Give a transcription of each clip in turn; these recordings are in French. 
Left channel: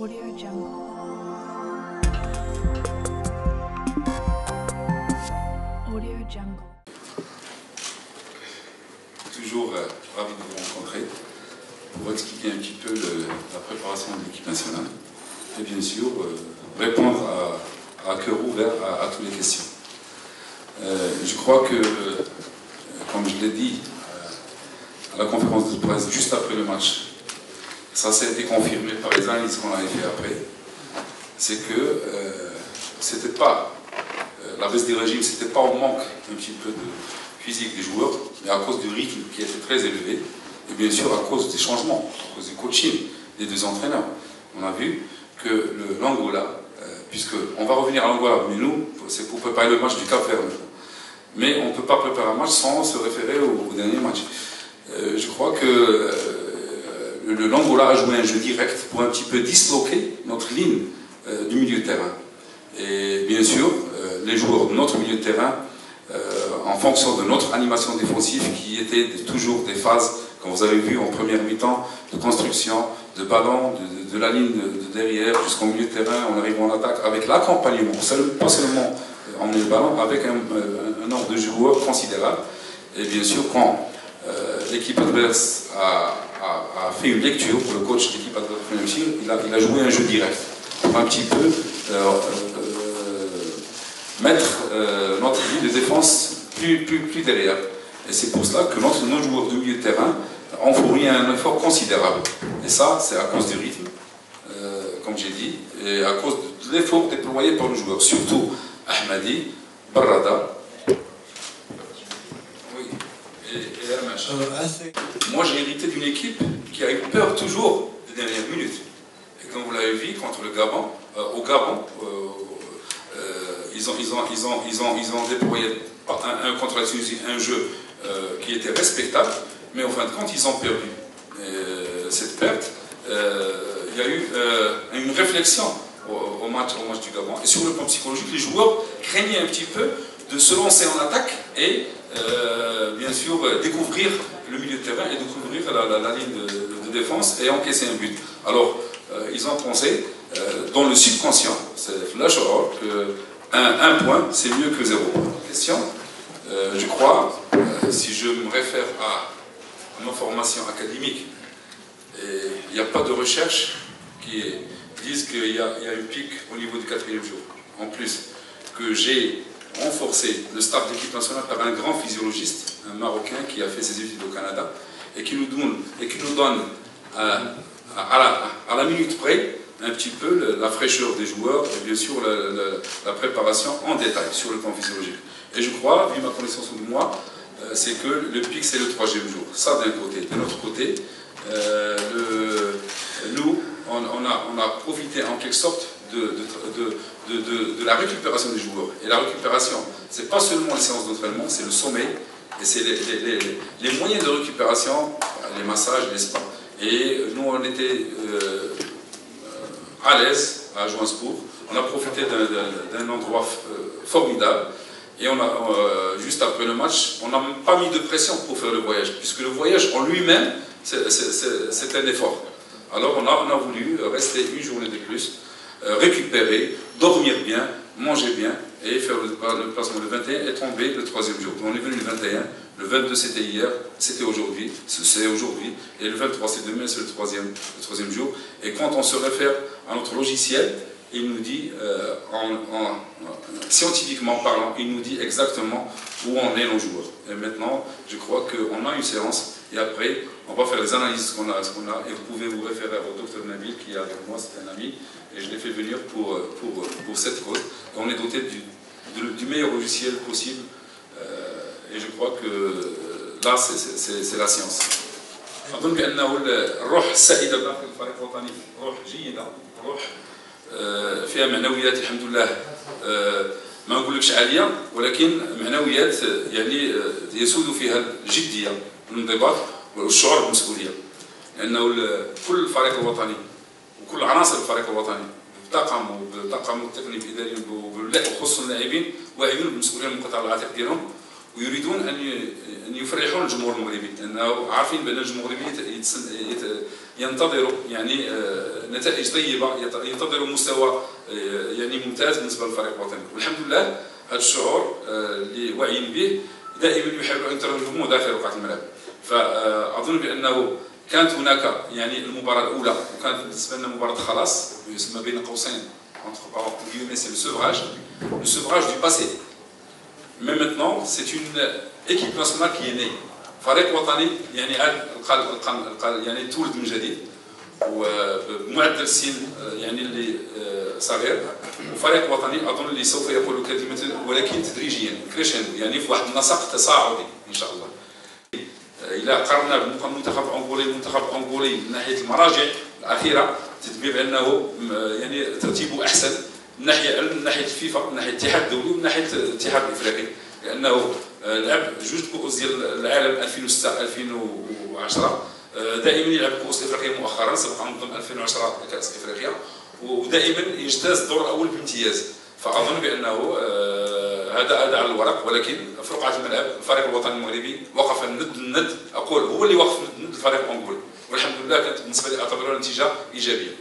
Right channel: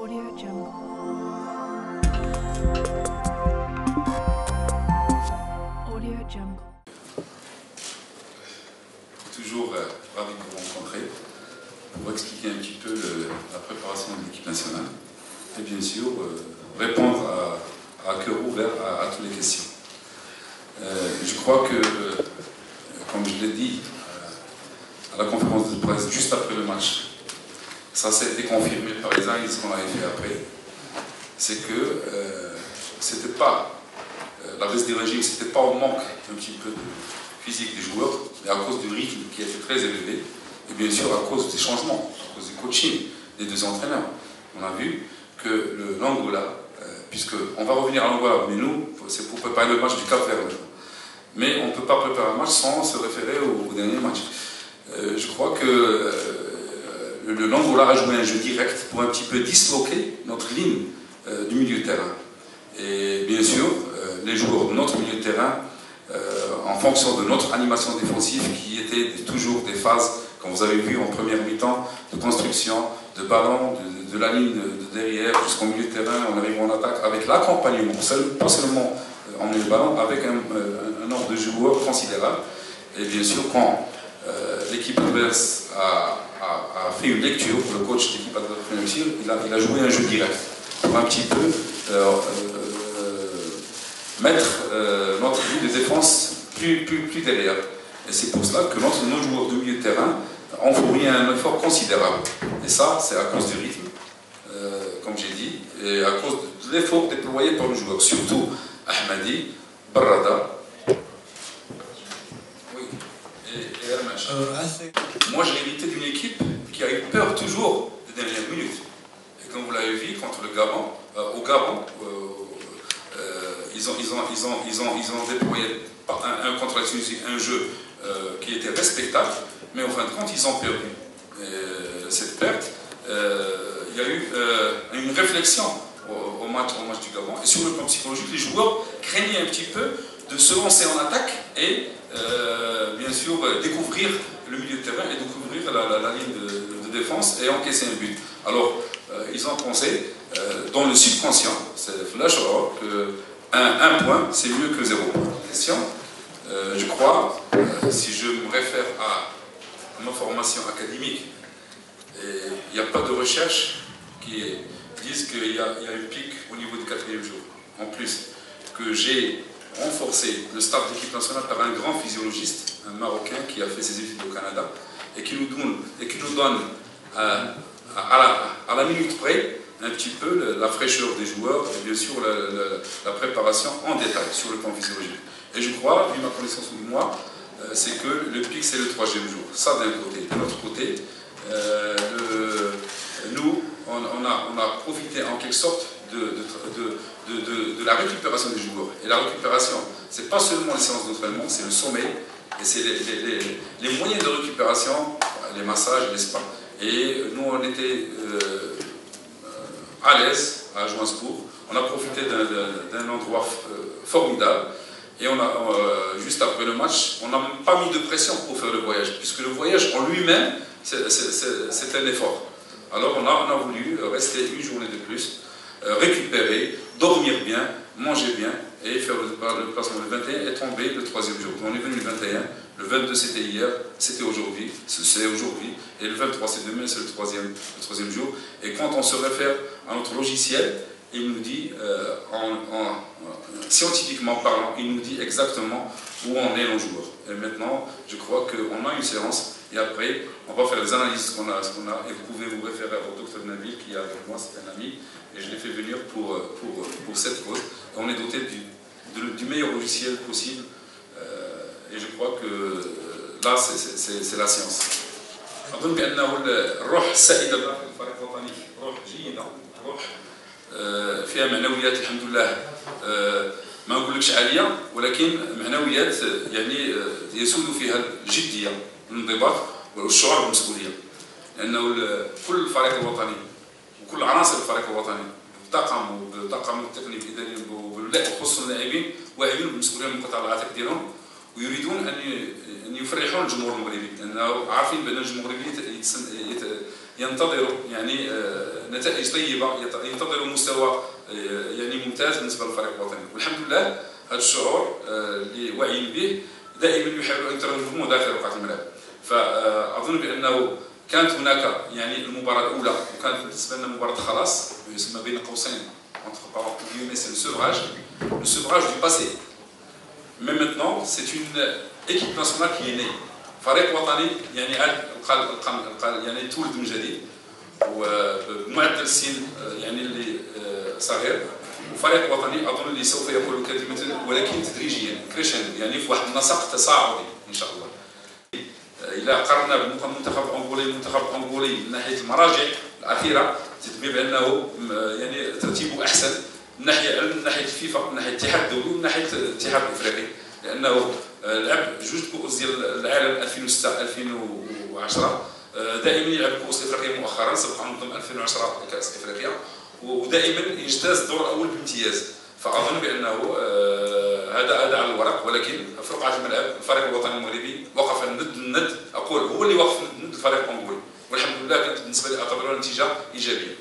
Audio Jungle. Audio Jungle. Toujours ravi de vous rencontrer pour expliquer un petit peu la préparation de l'équipe nationale et bien sûr répondre à cœur ouvert à toutes les questions. Je crois que, comme je l'ai dit à la conférence de presse juste après le match, ça s'est été confirmé par les analyses qu'on avait fait après, c'est que c'était pas la baisse des régimes, c'était pas au manque un petit peu de physique des joueurs, mais à cause du rythme qui était très élevé, et bien sûr à cause des changements, à cause du coaching des deux entraîneurs. On a vu que l'Angola, puisqu'on va revenir à l'Angola, mais nous, c'est pour préparer le match du Cap-Vert. Mais on ne peut pas préparer un match sans se référer au dernier match. Je crois que l'Angola a joué un jeu direct pour un petit peu disloquer notre ligne du milieu de terrain. Et bien sûr, les joueurs de notre milieu de terrain, en fonction de notre animation défensive, qui était toujours des phases, comme vous avez vu en première mi-temps, de construction, de ballon, de la ligne de derrière jusqu'au milieu de terrain, on arrive en attaque avec l'accompagnement, pas seulement emmener le ballon, avec un nombre de joueurs considérable. Et bien sûr, quand l'équipe adverse a fait une lecture pour le coach de l'équipe adverse, il a joué un jeu direct pour un petit peu mettre notre ligne de défense plus derrière. Et c'est pour cela que nos joueurs de milieu de terrain ont fourni un effort considérable. Et ça, c'est à cause du rythme, comme j'ai dit, et à cause de l'effort déployé par nos joueurs, surtout Ahmadi, Barrada, oui, et Hermach. Moi, j'ai hérité d'une équipe qui a eu peur toujours des dernières minutes. Et comme vous l'avez vu, contre le Gabon, au Gabon, ils ont déployé contre la Tunisie un jeu qui était respectable, mais en fin de compte, ils ont perdu. Cette perte, il y a eu une réflexion au match du Gabon. Et sur le plan psychologique, les joueurs craignaient un petit peu de se lancer en attaque et bien sûr découvrir le milieu de terrain et découvrir la ligne de défense et encaisser un but. Alors, ils ont pensé, dans le subconscient, c'est flash que un point, c'est mieux que 0. Question, je crois, si je me réfère à ma formation académique, il n'y a pas de recherche qui disent qu'il y a un pic au niveau du 4e jour. En plus, que j'ai renforcé le staff d'équipe nationale par un grand physiologiste, un Marocain qui a fait ses études au Canada, et qui nous donne à la minute près un petit peu la fraîcheur des joueurs et bien sûr la préparation en détail sur le plan physiologique. Et je crois, vu ma connaissance de moi, c'est que le pic c'est le 3e jour. Ça d'un côté. De l'autre côté, nous, on a profité en quelque sorte de la récupération des joueurs. Et la récupération, c'est pas seulement les séances d'entraînement, c'est le sommeil, et c'est les moyens de récupération, les massages, les spas. Et nous, on était à l'aise à Johannesburg. On a profité d'un endroit formidable. Et juste après le match, on n'a pas mis de pression pour faire le voyage, puisque le voyage en lui-même, c'est un effort. Alors on a voulu rester une journée de plus, récupérer, dormir bien, manger bien, et faire le placement le 21 et tomber le 3e jour. On est venu le 21, le 22 c'était hier, c'était aujourd'hui, c'est aujourd'hui, et le 23 c'est demain, c'est le 3e jour. Et quand on se réfère à notre logiciel, il nous dit, scientifiquement parlant, il nous dit exactement où en est nos joueurs. Et maintenant, je crois qu'on a une séance, et après, on va faire les analyses qu'on a, et vous pouvez vous référer au docteur Nabil, qui est avec moi, c'est un ami, et je l'ai fait venir pour cette cause. Et on est doté du meilleur logiciel possible, et je crois que là, c'est la science. أظن بأنه الروح السائدة داخل الفريق الوطني روح جيدة، روح فيها معنويات الحمد لله، ما نقولكش عالية، ولكن معنويات يعني يسود فيها الجدية والانضباط والشعور بالمسؤولية، لأنه كل الفريق الوطني وكل عناصر الفريق الوطني بالطاقم التقني الإداري وخصوصا اللاعبين واعيين بالمسؤولية المنقطعة العاتق ديالهم، ويريدون أن يفرحون الجمهور المغربي، لأنه عارفين بأن الجمهور المغربي ينتظروا يعني نتائج طيبه، ينتظروا مستوى يعني ممتاز بالنسبه للفريق الوطني. والحمد لله هذا الشعور اللي واعيين به دائما يحاولوا ان يترجموه داخل رقعه الملعب. فاظن بانه كانت هناك يعني المباراه الاولى وكانت بالنسبه لنا مباراه خلاص يسمى بين قوسين c'est le sevrage du passé. Mais maintenant, c'est une équipe nationale qui est née. فريق وطني يعني يعني تولد من جديد وبمعدل السن يعني اللي صغير، وفريق وطني اظن اللي سوف يقول كلمه ولكن تدريجيا كريشندو يعني في واحد النسق تصاعدي ان شاء الله. الى قارنا بالمنتخب الانغولي من ناحيه المراجع الاخيره تتبين بانه يعني ترتيبه احسن من ناحيه الفيفا، من ناحيه الاتحاد الدولي ومن ناحيه الاتحاد الافريقي، لانه لعب جوج كؤوس ديال العالم 2006 2010 دائما يلعب كؤوس افريقيا مؤخرا، سبق ان نظم 2010 كاس افريقيا ودائما يجتاز الدور الاول بامتياز. فاظن بانه هذا على الورق، ولكن في رقعه الملعب الفريق الوطني المغربي وقف ند اقول هو اللي وقف ند الفريق الانغولي، والحمد لله كانت بالنسبه لي اعتبرها نتيجه ايجابيه.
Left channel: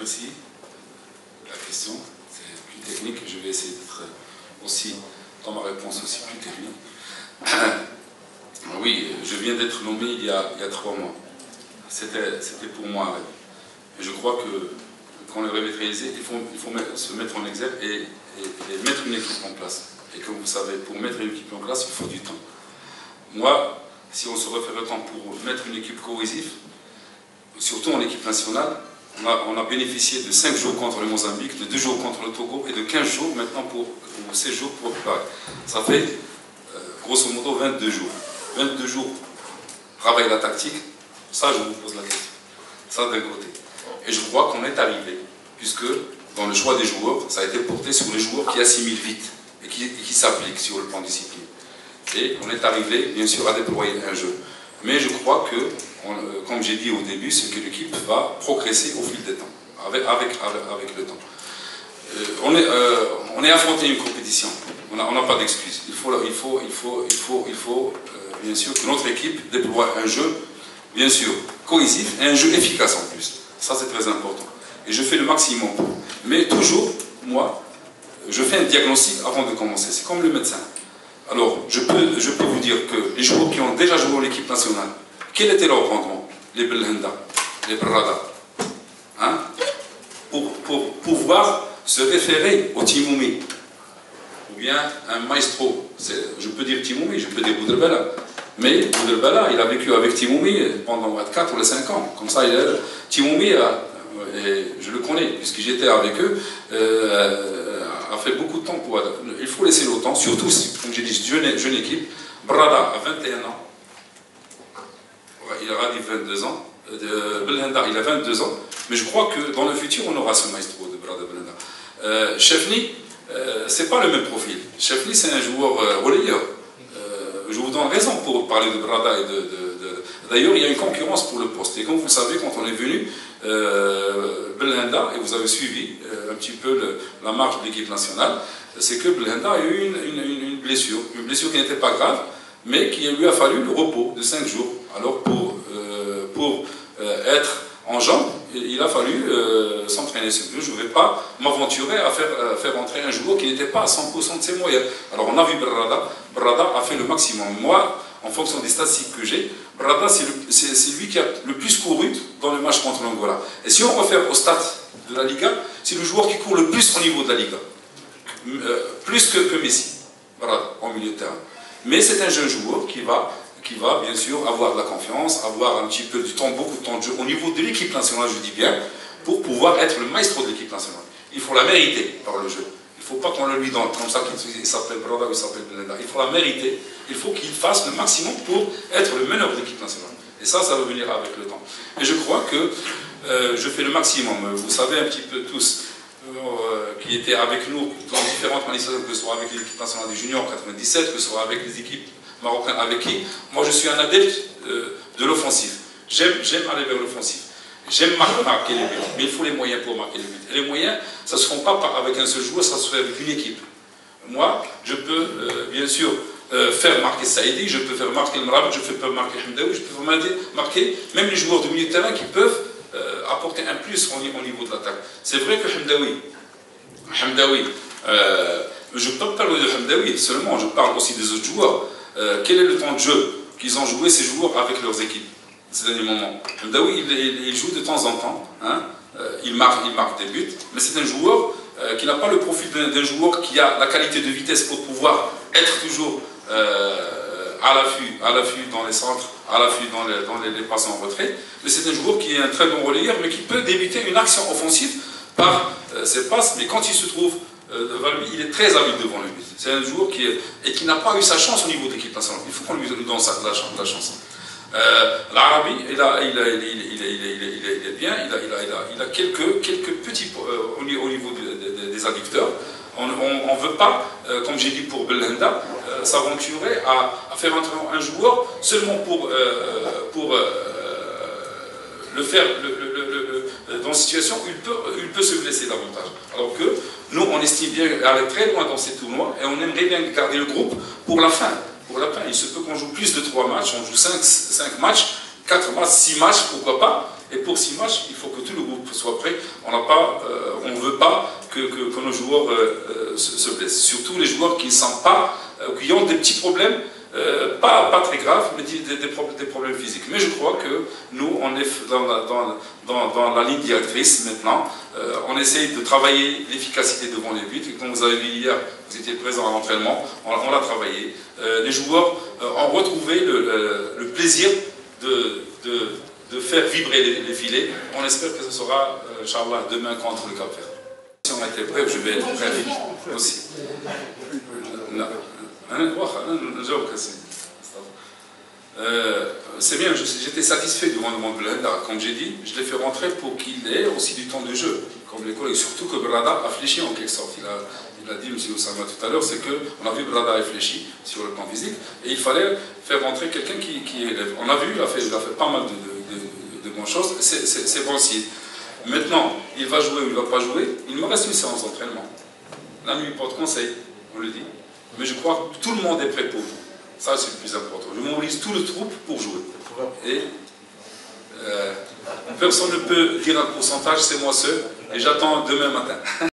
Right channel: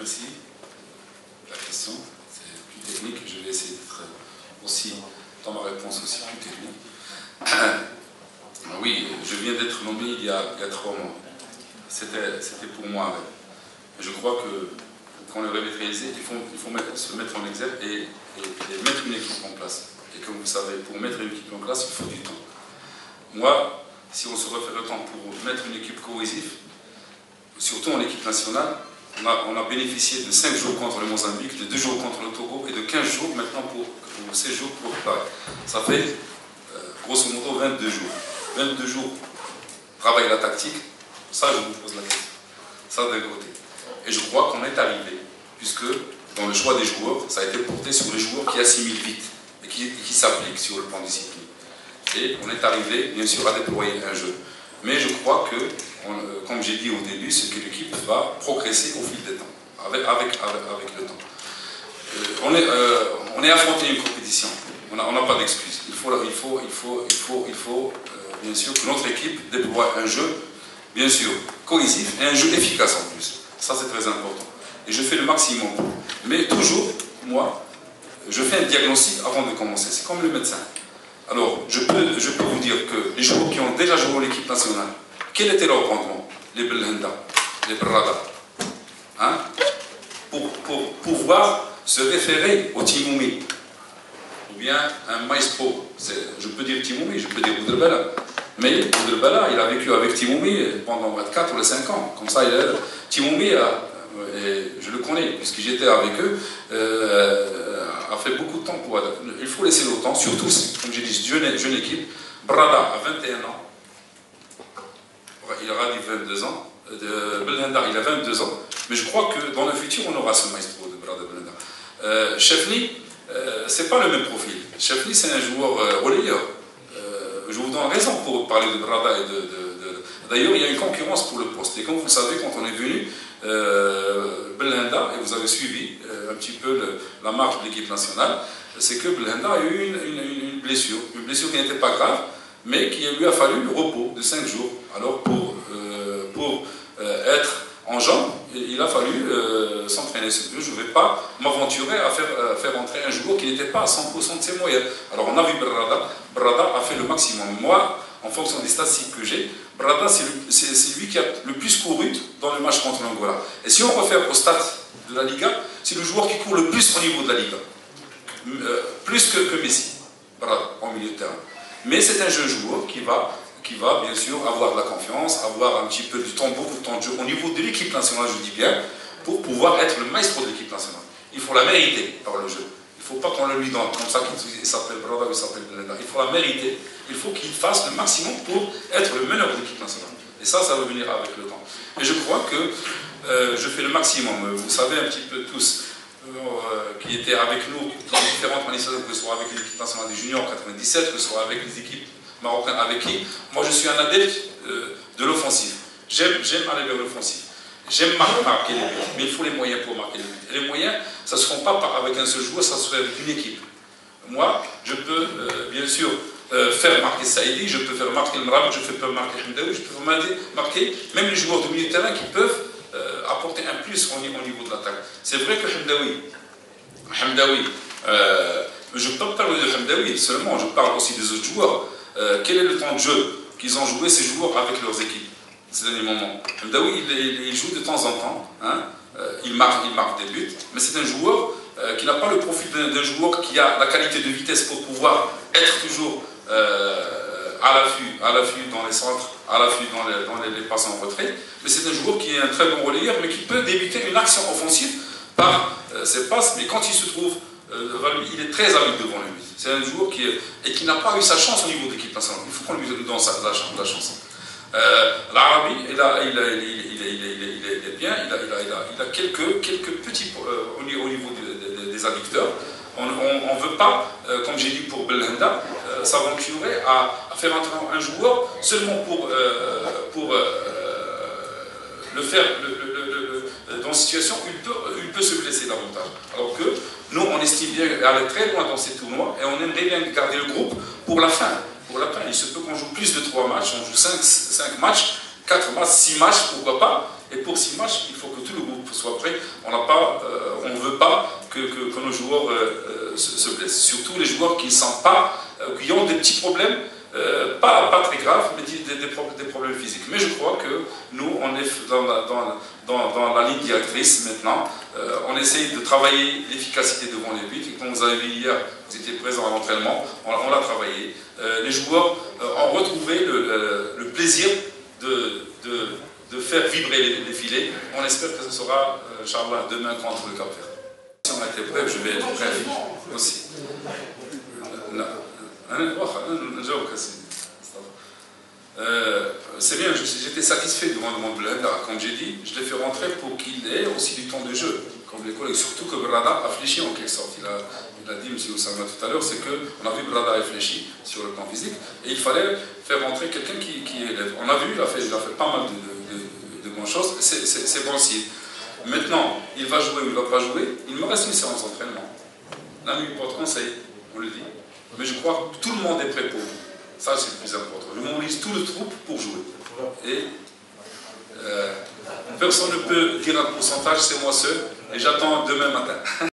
Merci. La question, c'est plus technique. Je vais essayer d'être aussi, dans ma réponse, aussi plus technique. Oui, je viens d'être nommé il y a 3 mois. C'était pour moi un rêve. Et je crois que quand le rêve est réalisé, il faut se mettre en exergue et mettre une équipe en place. Et comme vous savez, pour mettre une équipe en place, il faut du temps. Moi, si on se refait le temps pour mettre une équipe cohésive, surtout en équipe nationale, on a bénéficié de 5 jours contre le Mozambique, de 2 jours contre le Togo et de 15 jours maintenant pour 16 jours pour préparer. Ça fait grosso modo 22 jours. 22 jours travailler la tactique, ça je vous pose la question. Ça d'un côté. Et je crois qu'on est arrivé, puisque dans le choix des joueurs, ça a été porté sur les joueurs qui assimilent vite et qui s'appliquent sur le plan discipline. Et on est arrivé, bien sûr, à déployer un jeu. Mais je crois que, comme j'ai dit au début, c'est que l'équipe va progresser au fil des temps, avec le temps. On est affronté à une compétition, on n'a pas d'excuses. Il faut bien sûr que notre équipe déploie un jeu, bien sûr, cohésif et un jeu efficace en plus. Ça c'est très important. Et je fais le maximum. Mais toujours, moi, je fais un diagnostic avant de commencer. C'est comme le médecin. Alors, je peux vous dire que les joueurs qui ont déjà joué en équipe nationale, quel était leur rendement? Les Belhanda, les Brada. Hein? Pour pouvoir se référer au Timoumi. Ou bien un maestro. Je peux dire Timoumi, je peux dire Boudelbala. Mais Boudelbala, il a vécu avec Timoumi pendant 4 ou 5 ans. Comme ça, Timoumi, je le connais, puisque j'étais avec eux, a fait beaucoup de temps pour adapter. Il faut laisser le temps, surtout, comme j'ai dit, jeune équipe. Brada a 21 ans. Il aura dit 22 ans. Belhanda, il a 22 ans. Mais je crois que dans le futur, on aura ce maestro de Brada Belhanda. Chefni, c'est pas le même profil. Chefni, c'est un joueur relayeur. Je vous donne raison pour parler de Brada et D'ailleurs, il y a une concurrence pour le poste. Et comme vous le savez, quand on est venu, Belhanda, et vous avez suivi un petit peu la marche de l'équipe nationale, c'est que Belhanda a eu une blessure qui n'était pas grave, mais qui lui a fallu le repos de 5 jours. Alors pour être en jambes, il a fallu s'entraîner. Je ne vais pas m'aventurer à faire entrer un joueur qui n'était pas à 100% de ses moyens. Alors on a vu Brada a fait le maximum. Moi, en fonction des statistiques que j'ai, Brada c'est lui qui a le plus couru dans le match contre l'Angola. Et si on refait au stade de la Liga, c'est le joueur qui court le plus au niveau de la Liga. Plus que Messi, Brada, en milieu de terrain. Mais c'est un jeune joueur qui va bien sûr avoir de la confiance, avoir un petit peu du temps, beaucoup de temps de jeu au niveau de l'équipe nationale, je dis bien, pour pouvoir être le maestro de l'équipe nationale. Il faut la mériter par le jeu. Il ne faut pas qu'on le lui donne comme ça qu'il s'appelle Brada ou il s'appelle Belhanda. Il faut la mériter. Il faut qu'il fasse le maximum pour être le meneur de l'équipe nationale. Et ça va venir avec le temps. Et je crois que je fais le maximum. Vous savez un petit peu tous qui étaient avec nous dans différentes manifestations, que ce soit avec l'équipe nationale des juniors en 97, que ce soit avec les équipes marocaines avec qui. Moi, je suis un adepte de l'offensive. J'aime aller vers l'offensive. J'aime marquer les buts, mais il faut les moyens pour marquer les buts. Et les moyens, ça ne se font pas avec un seul joueur, ça se fait avec une équipe. Moi, je peux, bien sûr, faire marquer Saïdi, je peux faire marquer le Mraoui, je peux marquer Hamdaoui, je peux marquer même les joueurs de milieu de terrain qui peuvent apporter un plus au niveau de l'attaque. C'est vrai que Hamdaoui, je ne parle pas de Hamdaoui seulement, je parle aussi des autres joueurs. Quel est le temps de jeu qu'ils ont joué ces joueurs avec leurs équipes ces derniers moments? Hamdaoui, il joue de temps en temps, hein, il marque des buts, mais c'est un joueur qui n'a pas le profil d'un joueur qui a la qualité de vitesse pour pouvoir être toujours à l'affût dans les centres, à l'affût dans les passes en retrait, mais c'est un joueur qui est un très bon relayeur, mais qui peut débuter une action offensive par ses passes, mais quand il se trouve devant lui, il est très habile devant lui. C'est un joueur qui n'a pas eu sa chance au niveau de l'équipe nationale. Il faut qu'on lui donne la chance. L'Arabi, il est bien, il a quelques petits au niveau des adducteurs. On ne veut pas, comme j'ai dit pour Belhanda, s'aventurer à faire entrer un joueur seulement pour le faire dans une situation où il peut se blesser davantage. Alors que nous, on estime bien aller très loin dans ces tournois et on aimerait bien garder le groupe pour la fin. Il se peut qu'on joue plus de 3 matchs, on joue 5 matchs, 4 matchs, 6 matchs, pourquoi pas. Et pour 6 matchs, il faut que tout le groupe soit prêt. On ne veut pas que nos joueurs se blessent. Surtout les joueurs qui ne sentent pas, qui ont des petits problèmes, pas très graves, mais des problèmes physiques. Mais je crois que nous, on est dans la ligne directrice maintenant. On essaye de travailler l'efficacité devant les buts. Et comme vous avez vu hier, vous étiez présent à l'entraînement, on l'a travaillé. Les joueurs ont retrouvé le plaisir de faire vibrer les filets. On espère que ce sera, Inch'Allah, demain contre le Cap-Vert. Si on était prêt, je vais être prêt aussi. C'est bien, j'étais satisfait du rendement de Belhanda. Comme j'ai dit, je l'ai fait rentrer pour qu'il ait aussi du temps de jeu, comme les collègues. Surtout que Brada a fléchi en quelque sorte. Il a dit, M. Oussama tout à l'heure, c'est qu'on a vu Brada réfléchir sur le plan physique, et il fallait faire rentrer quelqu'un qui élève. On a vu, il a fait pas mal de bonnes choses, c'est bon signe. Maintenant, il va jouer ou il ne va pas jouer, il me reste une séance d'entraînement. La nuit porte conseil, on le dit. Mais je crois que tout le monde est prêt pour vous. Ça, c'est le plus important. Je mobilise tout le troupe pour jouer. Et personne ne peut dire un pourcentage, c'est moi seul. Et j'attends demain matin.